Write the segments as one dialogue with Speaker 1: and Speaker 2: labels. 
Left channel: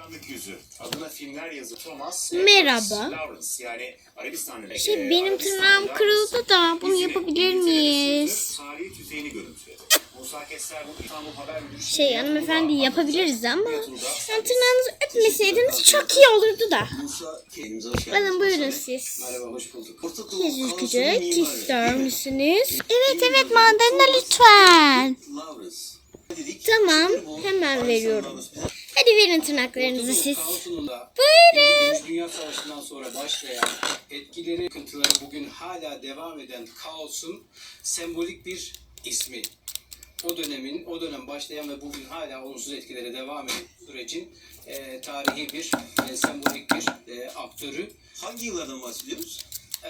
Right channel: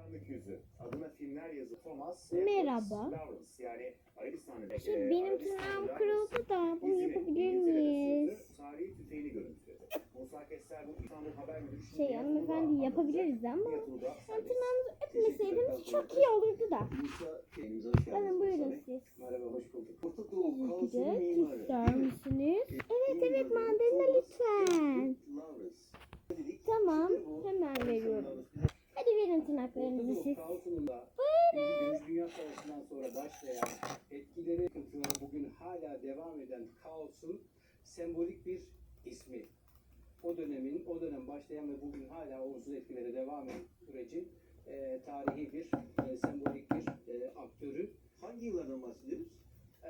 Speaker 1: karanlık yüzü. Adına filmler yazı Thomas
Speaker 2: Merhaba.
Speaker 1: Lawrence, yani Arabistan'ın
Speaker 2: Benim tırnağım kırıldı da bunu yapabilir miyiz?
Speaker 1: Tarihi tüfeğini görüntüledi. Musa Kester bu İstanbul Haber Müdürü
Speaker 2: Hanımefendi yapabiliriz ama yani tırnağınızı öpmeseydiniz çok iyi olurdu da. Alın buyurun siz.
Speaker 3: Merhaba, hoş bulduk.
Speaker 2: Yüz ülkücük ister misiniz? Evet mandalina lütfen. Tamam hemen veriyorum. Hadi verin tırnaklarınızı siz.
Speaker 3: Buyurun. İkinci Dünya Savaşı'ndan sonra başlayan etkileri, yıkıntıları bugün hala devam eden kaosun sembolik bir ismi. O dönem başlayan ve bugün hala olumsuz etkileri devam eden sürecin tarihi bir sembolik bir aktörü.
Speaker 4: Hangi yıllardan bahsediyoruz?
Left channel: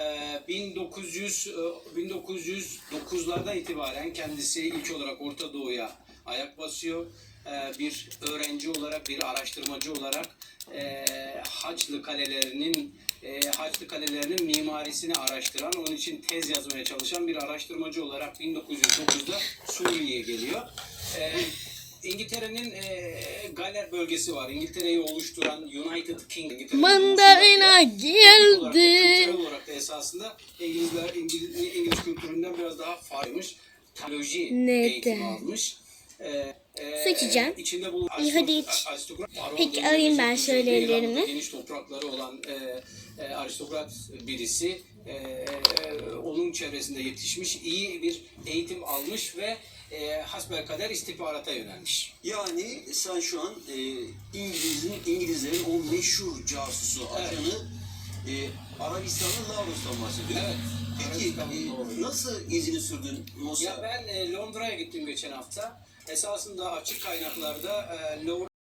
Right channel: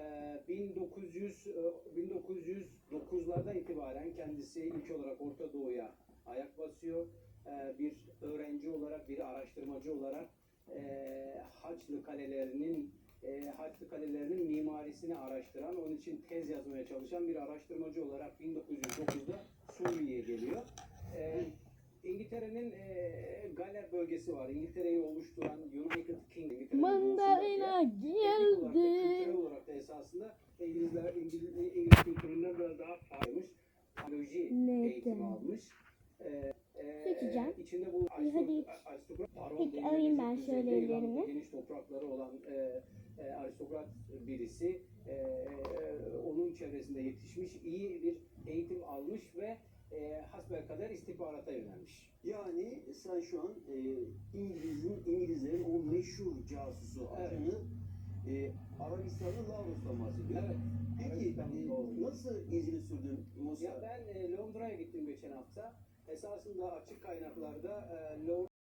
Speaker 3: 1909'lardan itibaren kendisi ilk olarak Orta Doğu'ya ayak basıyor. Bir öğrenci olarak, bir araştırmacı olarak Haçlı Kalelerinin mimarisini araştıran, onun için tez yazmaya çalışan bir araştırmacı olarak 1909'da Suriye'ye geliyor. İngiltere'nin Galler bölgesi var. İngiltere'yi oluşturan United Kingdom.
Speaker 2: Mandalina geldi.
Speaker 3: Kültürel olarak da esasında İngiliz kültüründen biraz daha farklıymış. Teoloji eğitimi almış.
Speaker 2: Seçeceğim.
Speaker 3: İçinde bulunan
Speaker 2: İyi, hadi iç. Peki, alayım ben şöyle ellerimi.
Speaker 3: Geniş toprakları olan aristokrat birisi. Onun çevresinde yetişmiş, iyi bir eğitim almış ve hasbelkader istihbarata yönelmiş.
Speaker 4: Yani sen şu an İngilizlerin o meşhur casusu, ajanı Arabistan'ın Lavros'tan bahsediyorsun.
Speaker 3: Evet.
Speaker 4: Peki nasıl izini sürdün Musa?
Speaker 3: Ya ben Londra'ya gittim geçen hafta. Esasında açık kaynaklarda